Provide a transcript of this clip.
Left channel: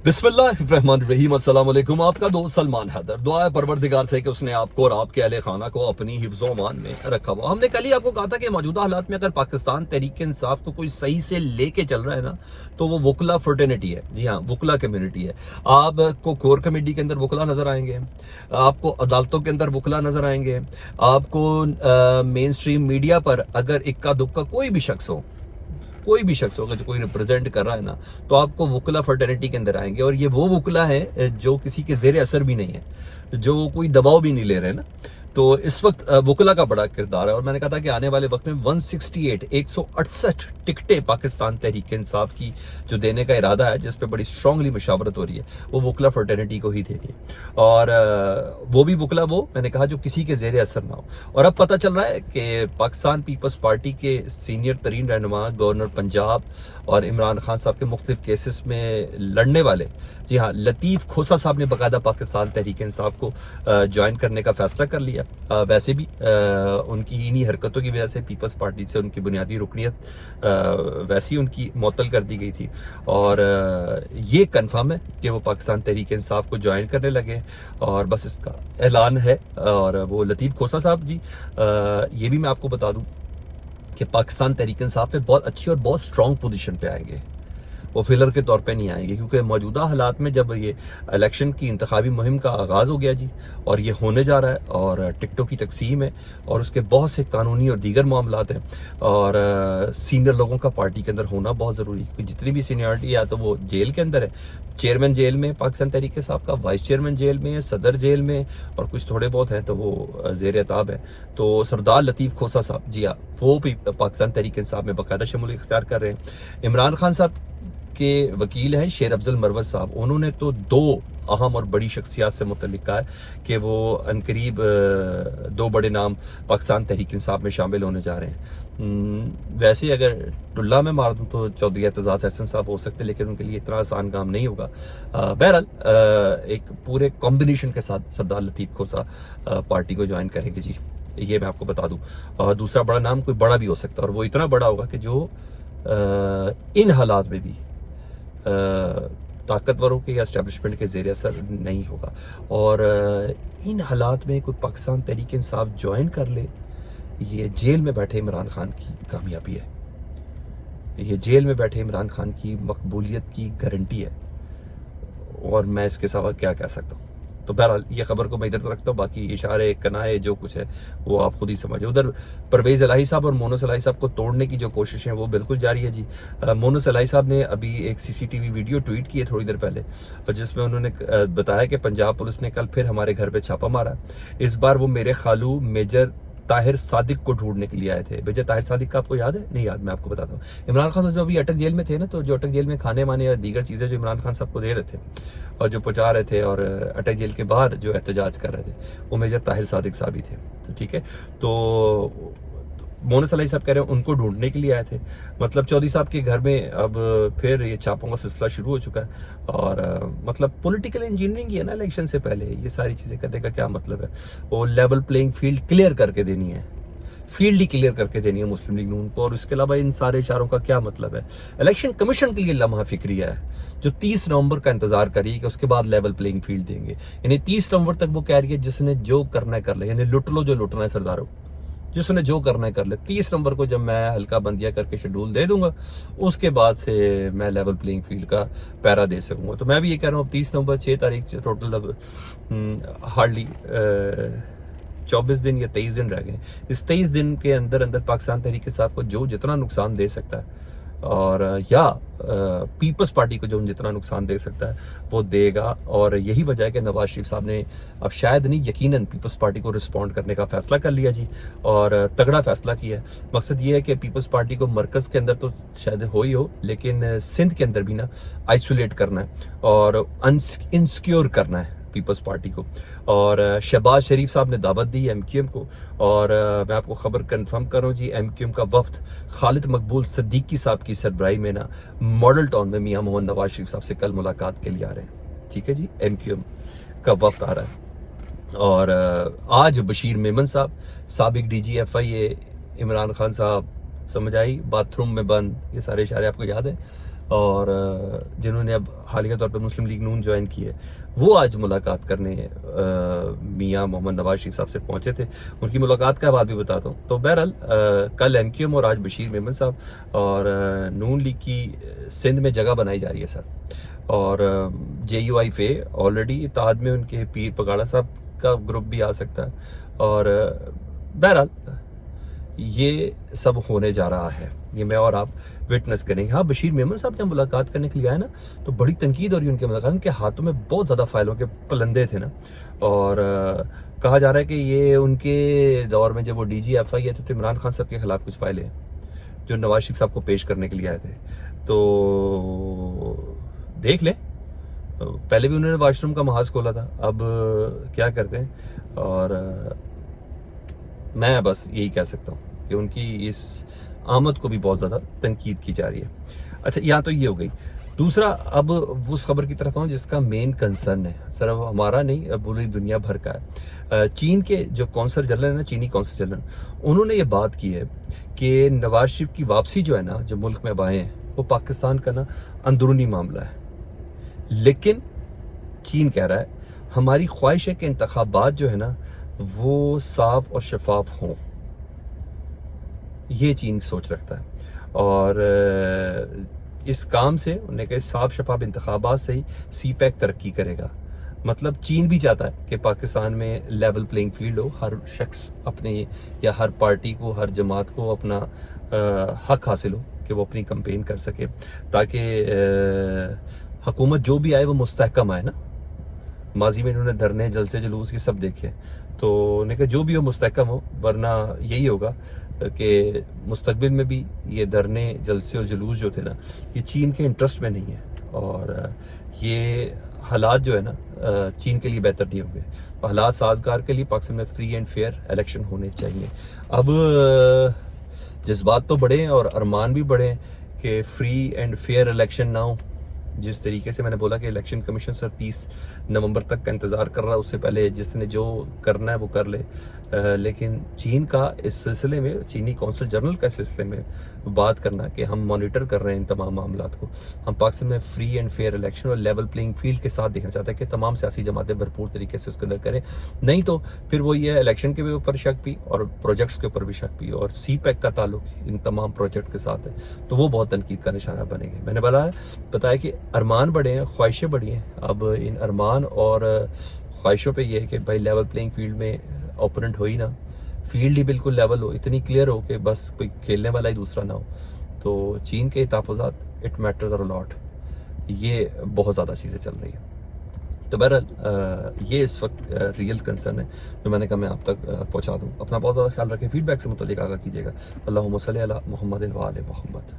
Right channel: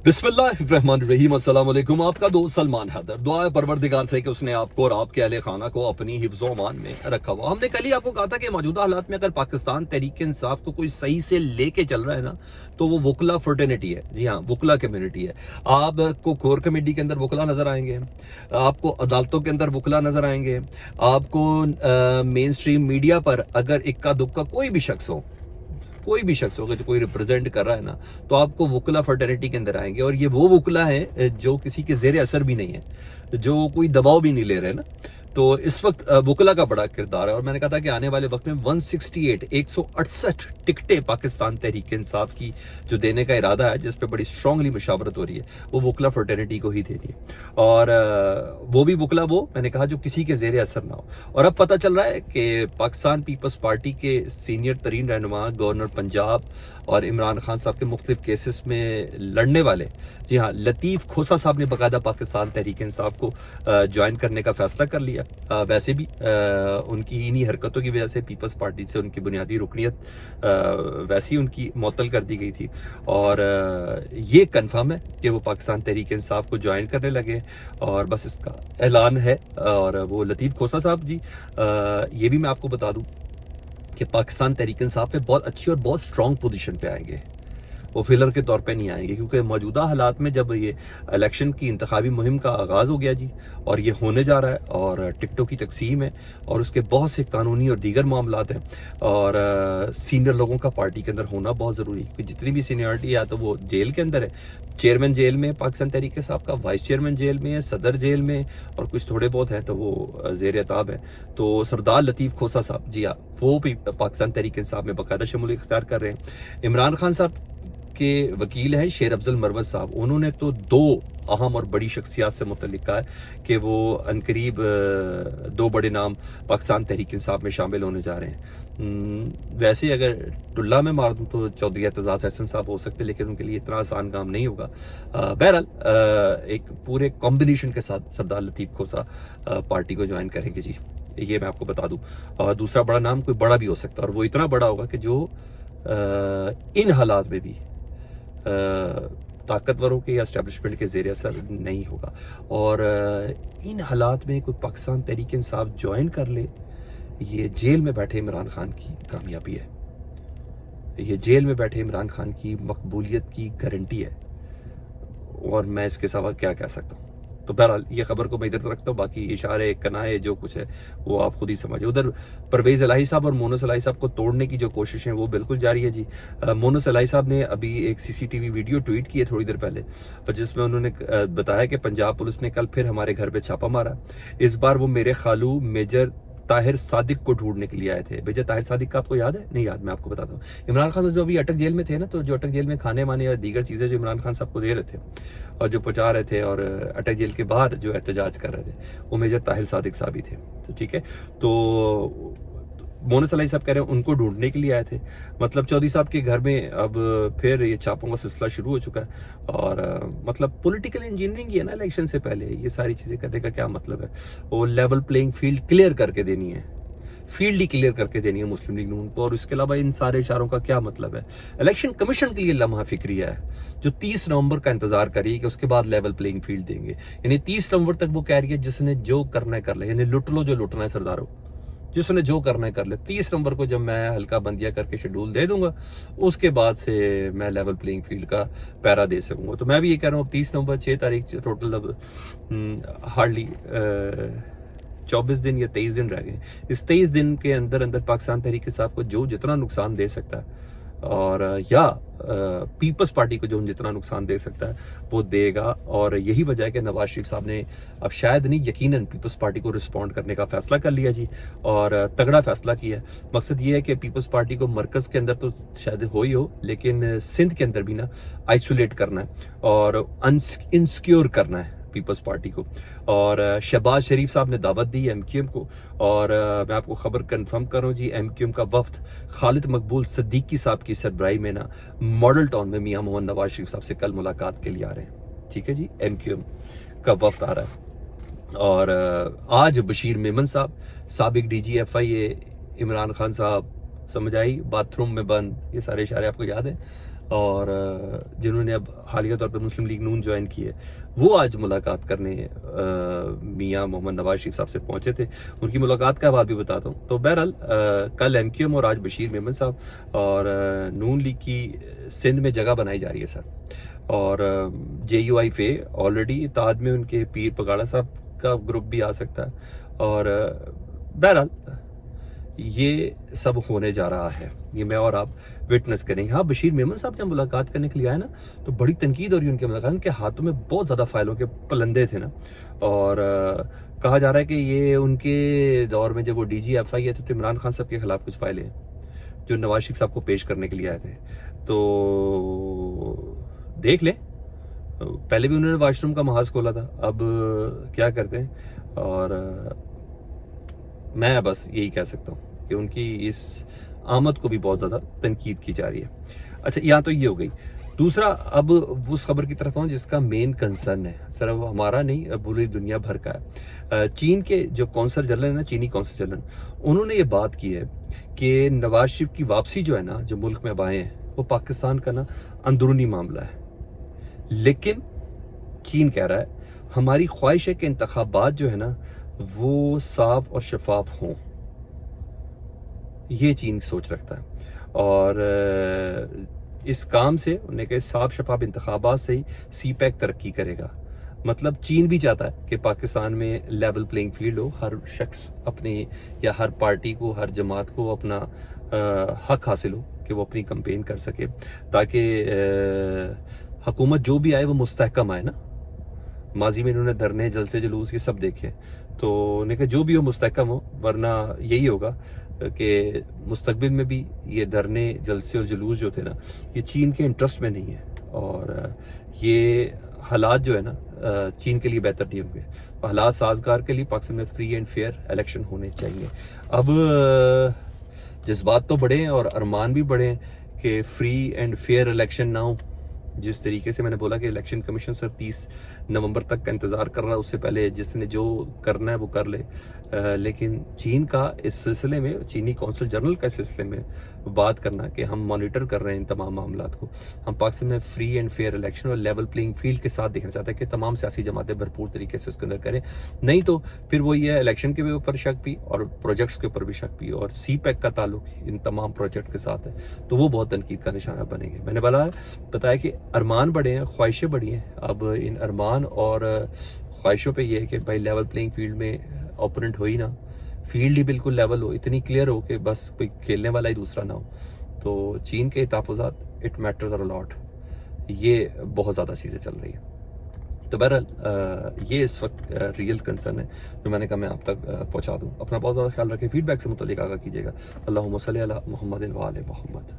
बिस्मिल्लाहिर्रहमानिर्रहीम। अस्सलाम वालेकुम। आपका दोस्त सलमान हैदर। दुआ है परवरदिगार से कि उसने आपको और आपके अहले खाना को अपनी हिफ्ज़ व अमान में रखा हुआ। हमने कल ही आपको कहा था कि मौजूदा हालात में अगर पाकिस्तान तहरीक इंसाफ को कोई सही से लेके चल रहा है ना, तो वो वकला फर्टर्निटी है। जी हाँ, वकला कम्युनिटी है। आपको कोर कमेटी के अंदर वकला नजर आएंगे, आपको अदालतों के अंदर वकला नजर आएंगे, आपको मेन स्ट्रीम मीडिया पर अगर इक्का दुक्का कोई भी शख्स होगा जो कोई रिप्रेजेंट कर रहा है ना, तो आपको वकला फर्टर्निटी के अंदर आएंगे। और ये वो वकला है जो किसी के जेर असर भी नहीं है, जो कोई दबाव भी नहीं ले रहे ना। तो इस वक्त वकला का बड़ा किरदार है। और मैंने कहा था कि आने वाले वक्त में 168 टिकटें पाकिस्तान तहरीक इंसाफ की जो देने का इरादा है, जिस पे बड़ी स्ट्रांगली मुशावरत हो रही है, वो वकला फर्टर्निटी को ही देनी है। और वो भी वकला वो मैंने कहा जो किसी के जेर असर ना हो। और अब पता चल रहा है कि पाकिस्तान पीपल्स पार्टी के सीनियर तरीन रहनुमा गवर्नर पंजाब और इमरान खान साहब के मुख्तलिफ केसेस में लड़ने वाले, जी हाँ, लतीफ़ खोसा साहब ने बाकायदा पाकिस्तान तहरीक इंसाफ को ज्वाइन करने का फैसला कर लिया। वैसे भी उनकी इन्हीं हरकतों की वजह से पीपल्स पार्टी से उनकी बुनियादी रुकनीत वैसी उनकी मुअत्तल कर दी गई थी। और ये कन्फर्म है कि वो पाकिस्तान तहरीक इंसाफ को ज्वाइन करने लगे, और बस इसका ऐलान है। और वो लतीफ़ खोसा साहब जी, ये भी मैं आपको बता दूं कि पाकिस्तान तहरीक इंसाफ में बहुत अच्छी और बहुत स्ट्रॉन्ग पोजीशन पे आएंगे। वो फिलर के तौर पे नहीं आएंगे, क्योंकि मौजूदा हालात में जब ये इलेक्शन की इंतखाबी मुहिम का आगाज़ हो गया जी, और ये होने जा रहा है, और टिकटों की तकसीम है, और उसके बहुत से कानूनी और दीगर मामलात हैं, और सीनियर लोगों का पार्टी के अंदर होना बहुत ज़रूरी है। क्योंकि जितनी भी सीनियरिटी है, या तो वो जेल के अंदर है, चेयरमैन जेल में पाकिस्तान तहरीक इंसाफ का, वाइस चेयरमैन जेल में है, सदर जेल में, और कुछ थोड़े बहुत हैं तो वो ज़ेर एताब है। तो सरदार लतीफ़ खोसा साहब, जी हाँ, वो भी पाकिस्तान तहरीक इंसाफ में बाकायदा शमूलियत इख्तियार कर रहे हैं। इमरान खान साहब के वकील हैं शेर अफजल मरवत साहब, उन्होंने तो दो अहम और बड़ी शख्सियात से मुतल्लिक कहा है कि वो अनकरीब दो बड़े नाम पाकिस्तान तहरीक इंसाफ में शामिल होने जा रहे हैं। वैसे अगर टुल्ला में मार दूं तो चौधरी एतजाज एहसन साहब हो सकते, लेकिन उनके लिए इतना आसान काम नहीं होगा। बहरहाल एक पूरे कॉम्बिनेशन के साथ सरदार लतीफ़ खोसा पार्टी को ज्वाइन करेंगे जी, ये मैं आपको बता दूं। और दूसरा बड़ा नाम कोई बड़ा भी हो सकता है, और वो इतना बड़ा होगा कि जो इन हालात में भी ताकतवरों के या एस्टेब्लिशमेंट के ज़ेर असर नहीं होगा। और इन हालात में कोई पाकिस्तान तहरीक इंसाफ ज्वाइन कर ले, ये जेल में बैठे इमरान खान की कामयाबी है, ये जेल में बैठे इमरान खान की मकबूलियत की गारंटी है। और मैं इसके सिवा क्या कह सकता हूँ। तो बहरहाल ये खबर को मैं इधर तक रखता हूँ, बाकी इशारे कनाए जो कुछ है वो आप खुद ही समझिए। उधर परवेज़ इलाही साहब और मोनस इलाही साहब को तोड़ने की जो कोशिश है वो बिल्कुल जारी है जी। मोनस इलाही साहब ने अभी एक सीसीटीवी वीडियो ट्वीट की है थोड़ी देर पहले, जिसमें उन्होंने बताया कि पंजाब पुलिस ने कल फिर हमारे घर पे छापा मारा। इस बार वो मेरे खालू मेजर ताहिर सादिक को ढूंढने के लिए आए थे। मेजर ताहिर सादिक का आपको याद है? नहीं याद, मैं आपको बताता हूँ। इमरान खान जो अभी अटक जेल में थे ना, तो जो अटक जेल में खाने वाने या दीगर चीज़ें जो इमरान खान साहब को दे रहे थे और जो पहुंचा रहे थे, और अटक जेल के बाहर जो एहतजाज कर रहे थे, वो मेजर ताहिर सादिक साहब ही थे। तो ठीक है, तो मोनस इलाही साहब कह रहे हैं उनको ढूंढने के लिए आए थे। मतलब चौधरी साहब के घर में अब फिर ये छापों का सिलसिला शुरू हो चुका है। और मतलब पॉलिटिकल इंजीनियरिंग है ना, इलेक्शन से पहले ये सारी चीज़ें करने का क्या मतलब है? वो लेवल प्लेइंग फील्ड क्लियर करके देनी है, फील्ड ही क्लियर करके देनी है मुस्लिम लीग नून को। और उसके अलावा इन सारे इशारों का क्या मतलब है? इलेक्शन कमीशन के लिए लम्हा फिक्रिया है जो 30 नवंबर का इंतजार करिए कि उसके बाद लेवल प्लेइंग फील्ड देंगे। यानी 30 नवंबर तक वो कह रही है जिसने जो करना है कर ले, यानी लुट लो जो लुटना है सरदारों, जिसने जो करना है कर ले। 30 नंबर को जब मैं हल्का बंदिया करके शेड्यूल दे दूंगा, उसके बाद से मैं लेवल प्लेइंग फील्ड का पैरा दे सकूंगा। तो मैं भी ये कह रहा हूँ, 30 नवंबर 6 तारीख टोटल अब हार्डली 24 दिन या 23 दिन रह गए। इस 23 दिन के अंदर अंदर पाकिस्तान तहरीक इंसाफ को जो जितना नुकसान दे सकता है, और या पीपल्स पार्टी को जो जितना नुकसान दे सकता है वो देगा। और यही वजह है कि नवाज शरीफ साहब ने अब शायद नहीं यकीनन पीपल्स पार्टी को रिस्पॉन्ड करने का फैसला कर लिया जी, और तगड़ा फैसला किया है। मकसद ये है कि पीपल्स पार्टी को मरकज़ के अंदर तो शायद हो ही हो, लेकिन सिंध के अंदर भी ना आइसोलेट करना है और इनसिक्योर करना है पीपल्स पार्टी को। और शहबाज शरीफ साहब ने दावत दी एमक्यूएम को, और मैं आपको खबर कंफर्म कर रहा हूँ जी, एमक्यूएम का वफ्द खालिद मकबूल सिद्दीकी साहब की सरबराही में ना मॉडल टाउन में मियां मोहम्मद नवाज शरीफ साहब से कल मुलाकात के लिए आ रहे हैं। ठीक है जी, एमक्यूएम का वफ्द आ रहा है। और आज बशीर मेमन साहब, साबिक DGFI इमरान खान साहब, समझ आई, बाथरूम में बंद, ये सारे इशारे आपको याद है। اور جنہوں نے اب حالیہ طور پہ مسلم لیگ نون جوائن کی ہے، وہ آج ملاقات کرنے میاں محمد نواز شریف صاحب سے پہنچے تھے. ان کی ملاقات کا بات بھی بتاتا ہوں. تو بہرحال کل ایم کیو ایم اور آج بشیر میمن صاحب اور نون لیگ کی سندھ میں جگہ بنائی جا رہی ہے سر. اور جے یو آئی فے آلریڈی اتحاد میں ان کے پیر پگاڑا صاحب کا گروپ بھی آ سکتا ہے. اور بہرحال یہ سب ہونے جا رہا ہے، یہ میں اور آپ وٹنس کریں گے. ہاں، بشیر میمن صاحب جب ملاقات کرنے کے لیے آئے نا تو بڑی تنقید ہو رہی ہے ان کے ملاقات، ان کے ہاتھوں میں بہت زیادہ فائلوں کے پلندے تھے نا. اور کہا جا رہا ہے کہ یہ ان کے دور میں جب وہ ڈی جی ایف آئی تھے تو عمران خان صاحب کے خلاف کچھ فائلیں ہیں جو نواز شریف صاحب کو پیش کرنے کے لیے آئے تھے. تو دیکھ لیں، پہلے بھی انہوں نے واش روم کا محاذ کھولا تھا، اب کیا کرتے ہیں. اور میں بس یہی کہہ سکتا ہوں کہ ان کی اس آمد کو بھی بہت زیادہ تنقید کی جا رہی ہے. اچھا، یہاں تو یہ ہو گئی. دوسرا، اب اس خبر کی طرف آؤں جس کا مین کنسرن ہے، صرف ہمارا نہیں، اب پوری دنیا بھر کا ہے. چین کے جو کونسل جنرل ہے نا، چینی کونسل جنرل، انہوں نے یہ بات کی ہے کہ نواز شریف کی واپسی جو ہے نا، جو ملک میں اب آئے ہیں، وہ پاکستان کا نا اندرونی معاملہ ہے. لیکن چین کہہ رہا ہے ہماری خواہش ہے کہ انتخابات جو ہے نا وہ صاف اور شفاف ہوں. یہ چین سوچ رکھتا ہے. اور اس کام سے انہوں نے کہا صاف شفاف انتخابات سے ہی سی پیک ترقی کرے گا. مطلب چین بھی چاہتا ہے کہ پاکستان میں لیول پلینگ فیلڈ ہو، ہر شخص اپنے یا ہر پارٹی کو، ہر جماعت کو اپنا حق حاصل ہو کہ وہ اپنی کمپین کر سکے، تاکہ حکومت جو بھی آئے وہ مستحکم آئے نا. ماضی میں انہوں نے دھرنے، جلسے، جلوس یہ سب دیکھے، تو انہوں نے کہا جو بھی ہو مستحکم ہو، ورنہ یہی ہوگا کہ مستقبل میں بھی یہ دھرنے، جلسے اور جلوس جو تھے نا، یہ چین کے انٹرسٹ میں نہیں ہے. اور یہ حالات جو ہے نا چین کے لیے بہتر نہیں ہوں گے. حالات سازگار کے لیے پاکستان میں فری اینڈ فیئر الیکشن ہونے چاہیے. اب جذبات تو بڑے ہیں اور ارمان بھی بڑے ہیں کہ فری اینڈ فیئر الیکشن نہ ہو. جس طریقے سے میں نے بولا کہ الیکشن کمیشن سر 30 نومبر تک کا انتظار کر رہا ہے، اس سے پہلے جس نے جو کرنا ہے وہ کر لے. لیکن چین کا اس سلسلے میں، چینی کونسل جنرل کا اس سلسلے میں بات کرنا کہ ہم مانیٹر کر رہے ہیں ان تمام معاملات کو. ہم پاکستان میں فری اینڈ فیئر الیکشن اور لیول پلینگ فیلڈ کے ساتھ دیکھنا چاہتے ہیں کہ تمام سیاسی جماعتیں بھرپور طریقے سے اس کے اندر کریں. نہیں تو پھر وہ یہ الیکشن کے اوپر شک بھی اور پروجیکٹس کے اوپر بھی شک بھی، اور سی پیک کا تعلق ان تمام پروجیکٹ کے ساتھ ہے تو وہ بہت تنقید کا نشانہ بنے گے. میں نے بتایا کہ ارمان بڑے ہیں، خواہشیں بڑی ہیں. اب ان ارمان اور خواہشوں پہ یہ ہے کہ بھائی لیول پلینگ فیلڈ میں اوپوننٹ ہو ہی نا، فیلڈ ہی بالکل لیول ہو، اتنی کلیئر ہو کہ بس کوئی کھیلنے والا ہی دوسرا نہ ہو. تو چین کے تحفظات اٹ میٹرز اور لاٹ، یہ بہت زیادہ چیزیں چل رہی ہیں. تو بہرحال یہ اس وقت ریئل کنسرن ہے جو میں نے کہا میں آپ تک پہنچا دوں. اپنا بہت زیادہ خیال رکھیں. فیڈ بیک سے متعلق آگاہ کیجیے گا. اللہم صلی علی محمد و آل محمد.